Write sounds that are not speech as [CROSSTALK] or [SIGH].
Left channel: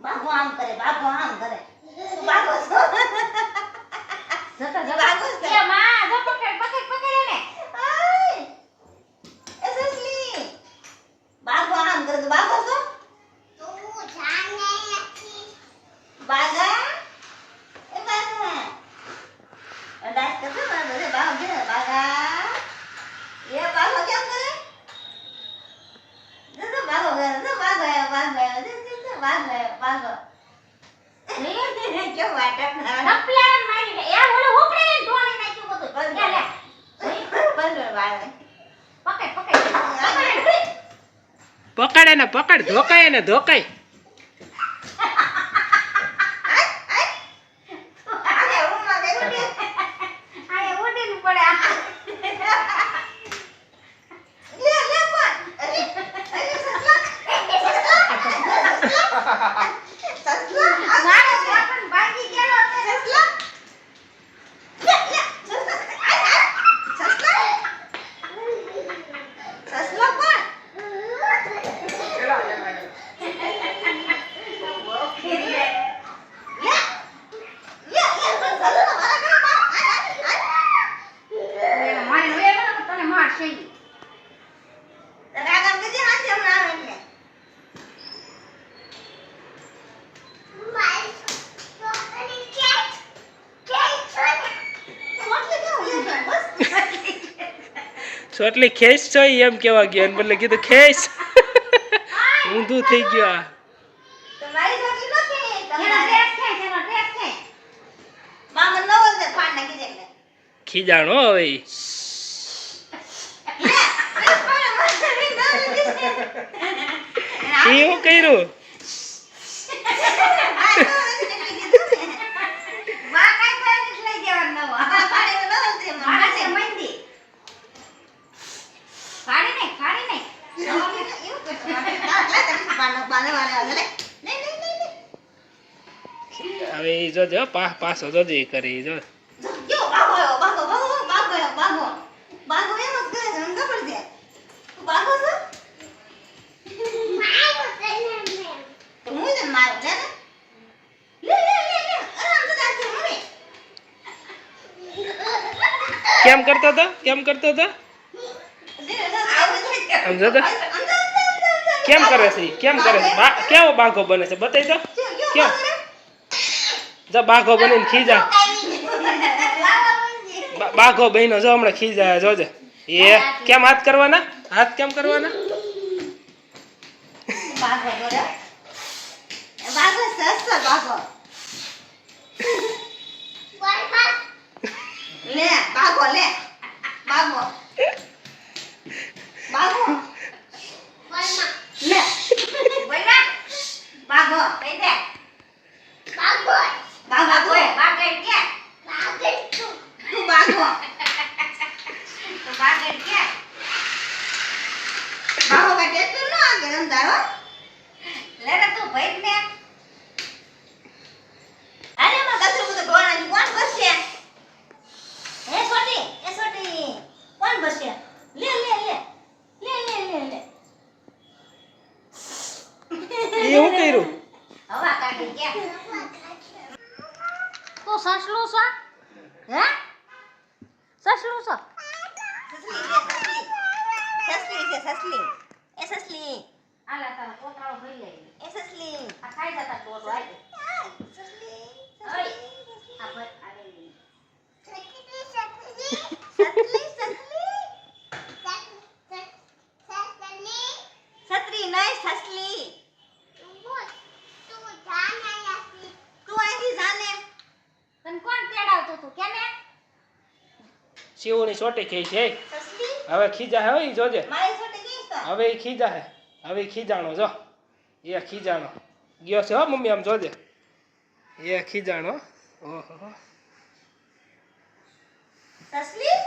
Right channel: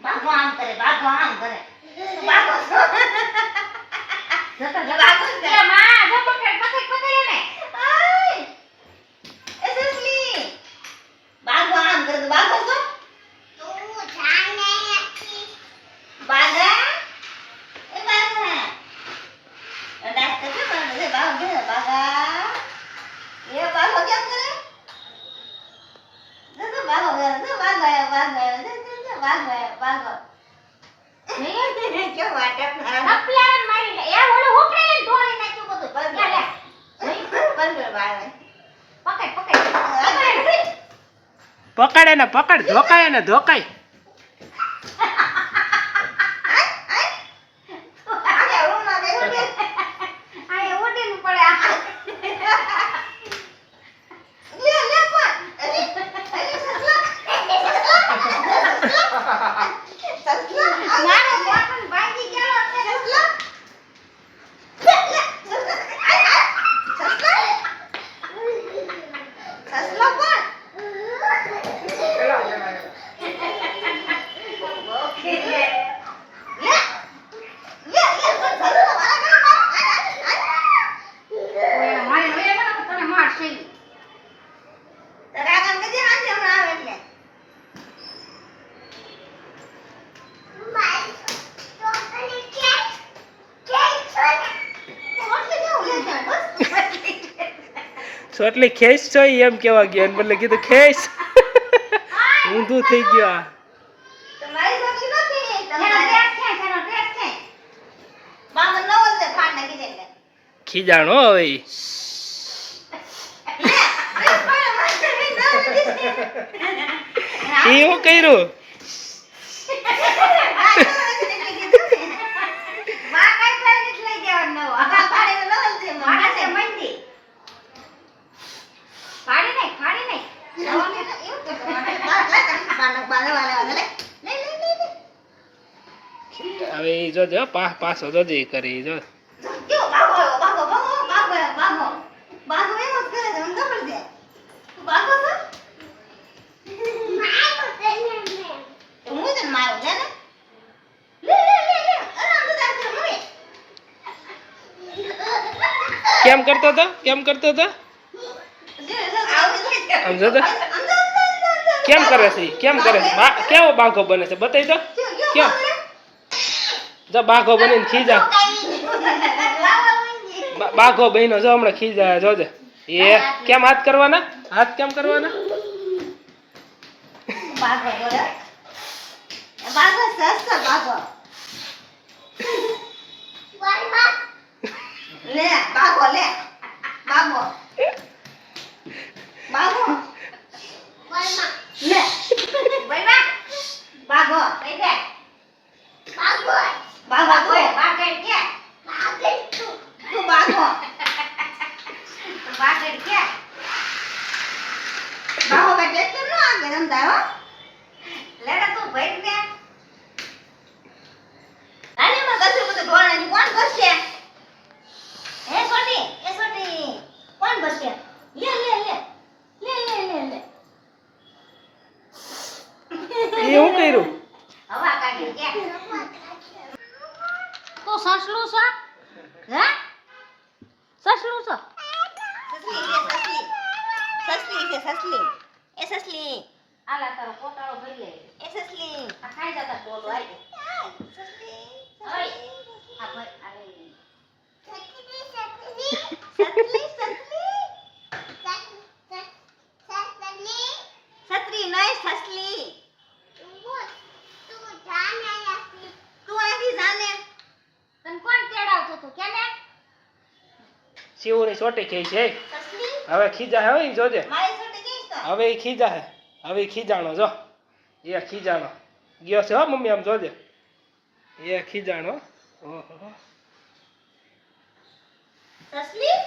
બાઘો આમ કરે. બાઘો આમ કરે તું બાઘો [LAUGHS] જતો જતો. બાઘો કરે. માં જો પકડ પકડ પકડ એને આય! એ સસલી બાઘો આમ કરે તું બાઘો છો બાઘા એ બાઘા એ ડાસ કરશે બાઘો છે બાઘો છે બાઘા એ બાઘો કેમ કરે જો જો બાઘો કરે જો બાઘો આવ્યો બાઘો આવ્યો જો જો જો બાઘો આવ્યો બાઘો કેમ વાટક ના થપલાણ મારી લે એ ઓલો ઉકળે ને ઢોળી નાખ્યું બધું લે લે બંધ બાળે પકડ ને પકડ ધોકાય ને ધોકાય આને રૂમમાં બેઠું બેઠું આ એ ઉડીને પડે આ. લે લે પણ અરે અરે સસલા સસલા મારો બોટલ ભાંગી ગયેલો છે. સસલા લે લે સસલા આય આય સસલા સસલા પણ લે લે લે પણ સસલા મારા ઘરમાં આય આય આય એને મારી લે ને તો તને મારશે ઈ. રાગમ કે હાથે હમણાં આવે એટલે સોટલી ખેસ છો એમ કેવા ગયો એને બદલે કીધું ખેસ ઊંધું થઈ ગયો આ. ખીજાણો નથી એનો તમારે ડ્રેસ હવે ઈ જોજો પા પાછો જોજો ઈ કરે ઈ જો કેમ કરતો હતો કેમ કરતો હતો આમ જોતો કેમ કરે છે ઈ? કેમ કરે છે બા કેવો બાઘો બને છે બતાવી દો કેમ જો બાઘો બનીને ખીજા બા- બાઘો બહેનો જો હમણાં ખીજા જોજે એ કેમ હાથ કરવાના હાથ કેમ કરવાના ભાગો જોડે ભાગો સસ્તો ભાગો લે ભાગો લે ભાગો ભાગો લે બોલવા. નો આગે રમદારો તું ભઈક ને. આને માં કસર બધું ઢોળાની કોણ બસશે એ સોટી એ સોટી. કોણ બસશે લે લે લે. લે લે લે લે. એ હું કર્યું? હવા કાઢી કે? તું સસલું છો? હે? સસલું છો? સસલી છે સસલી. સસલી. એ સસલી. આલા તારો પોતાળો ભરી લે. એ સસલી આ ખાઈ જતા ડોલો આઈ. સસલી ઓય. આ ભર- આ લઈ લે. સસલી સસલી સસલી નહીં સસલી તું અહીંથી જાને તને કોણ તેડાવતું હતું કેને શિવની સોટી ખઈ છે સસલી હવે ખીજા હે હો ઈ જોજે મારી છોટી કઈ તો હવે ઈ ખીજા હે હવે ખીજાણો, જો. એ ખીજાણો. ગયો છે હો મમ્મી, આમ જોજે. એ ખીજાણો. ઓહો. સસલી?